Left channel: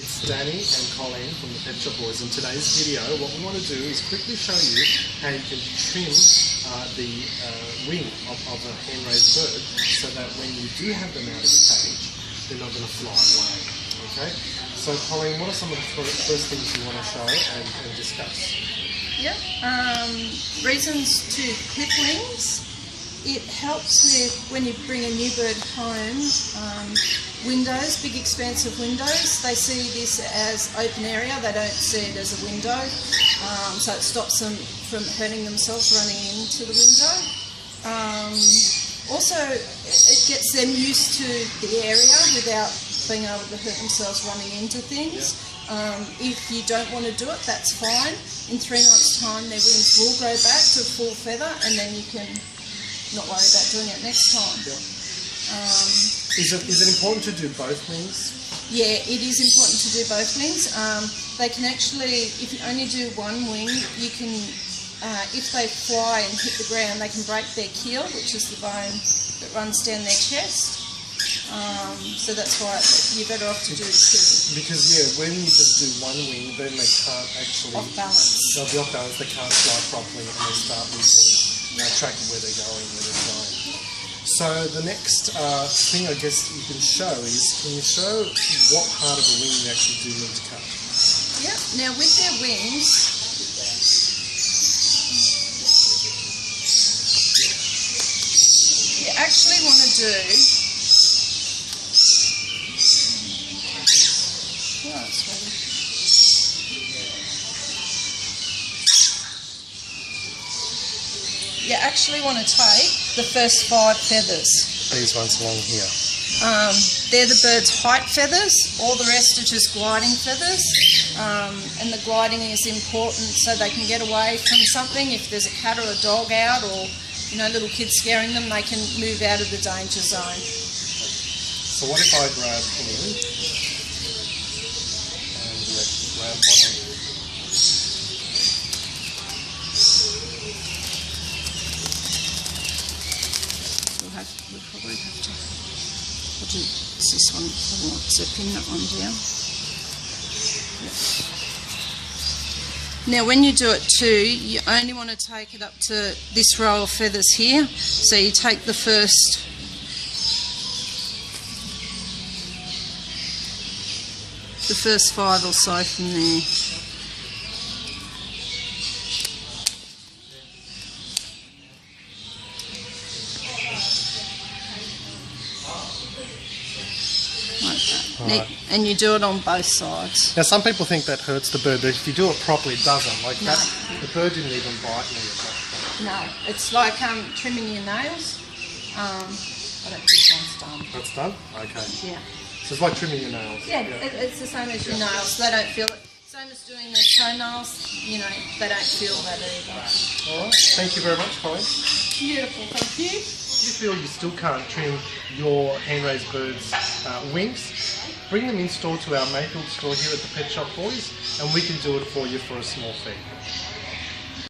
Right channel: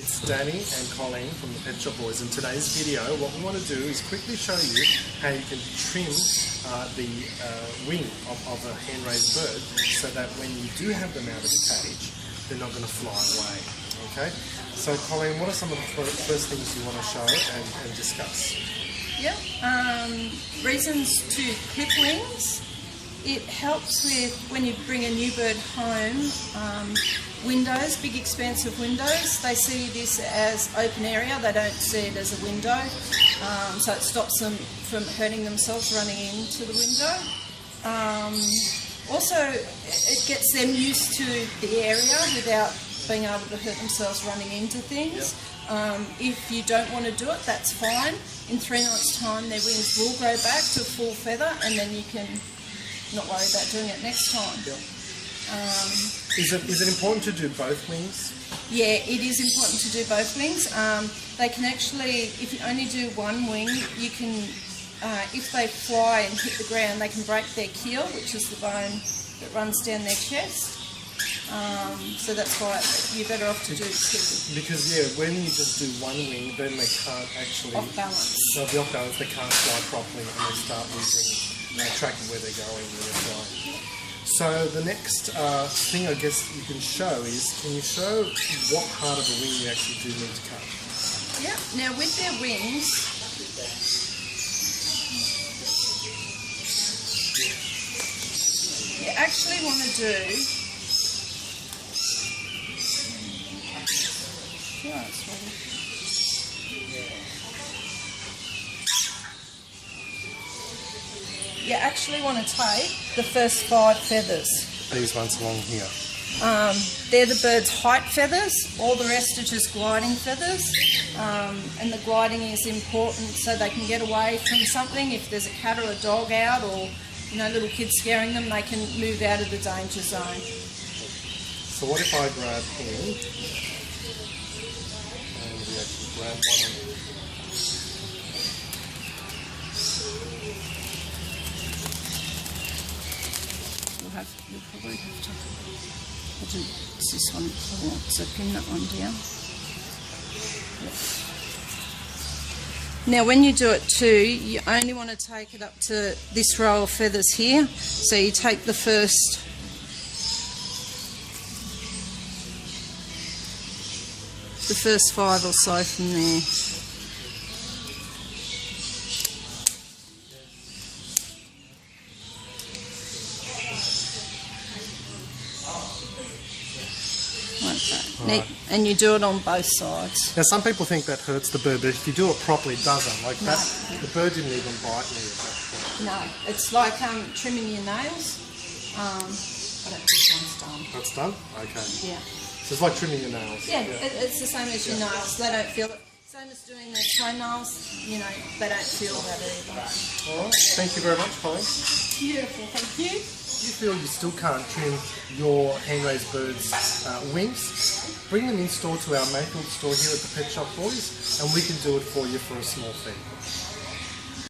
It's Danny and Colleen from the Pet Shop Boys. In today's video, what we want to do is quickly show you how you can trim the wing of a hand-raised bird so that when you do have them out of the cage, they're not going to fly away. Okay? So Colleen, what are some of the first things you want to show and discuss? Yep. Reasons to clip wings. It helps with when you bring a new bird home. Windows, big expansive windows, they see this as open area, they don't see it as a window, so it stops them from hurting themselves running into the window. Also, it gets them used to the area without being able to hurt themselves running into things. Yep. If you don't want to do it, that's fine. In 3 months' time, their wings will grow back to full feather, and then you can not worry about doing it next time. Yep. Is it important to do both wings? Yeah, it is important to do both wings. They can actually, if you only do one wing, you can, if they fly and hit the ground, they can break their keel, which is the bone that runs down their chest. So that's why you're better off to do two. Because yeah, when you just do one wing, then they can't actually... Off balance. They'll be off balance, they can't fly properly and they start losing track of where they're going, where they're flying. So the next thing I guess you can show is, can you show what part of the wing we actually do need to cut? Yep. Now with their wings, you actually want to do... Oh, it's ready. You actually want to take the first 5 feathers. These ones along here. They're the bird's height feathers. All the rest are just gliding feathers. And the gliding is important so they can get away from something. If there's a cat or a dog out, or little kids scaring them, they can move out of the danger zone. So what if I grab him and we actually grab one of them? You'll probably have to, I'll do this one, so pin that one down. Yep. Now when you do it too, you only want to take it up to this row of feathers here. So you take the first 5 or so from there. Right. And you do it on both sides. Now some people think that hurts the bird, but if you do it properly, it doesn't. Like that, the bird didn't even bite me at that point. No, it's like trimming your nails. I don't think this one's done. That's done? Okay. Yeah. So it's like trimming your nails. Yeah, it's the same as your nails. They don't feel it. Same as doing their toenails, they don't feel that either. Alright, thank you very much, Colleen. Beautiful, thank you. If you feel you still can't trim your hand-raised birds' wings, bring them in store to our Mayfield store here at the Pet Shop Boys, and we can do it for you for a small fee.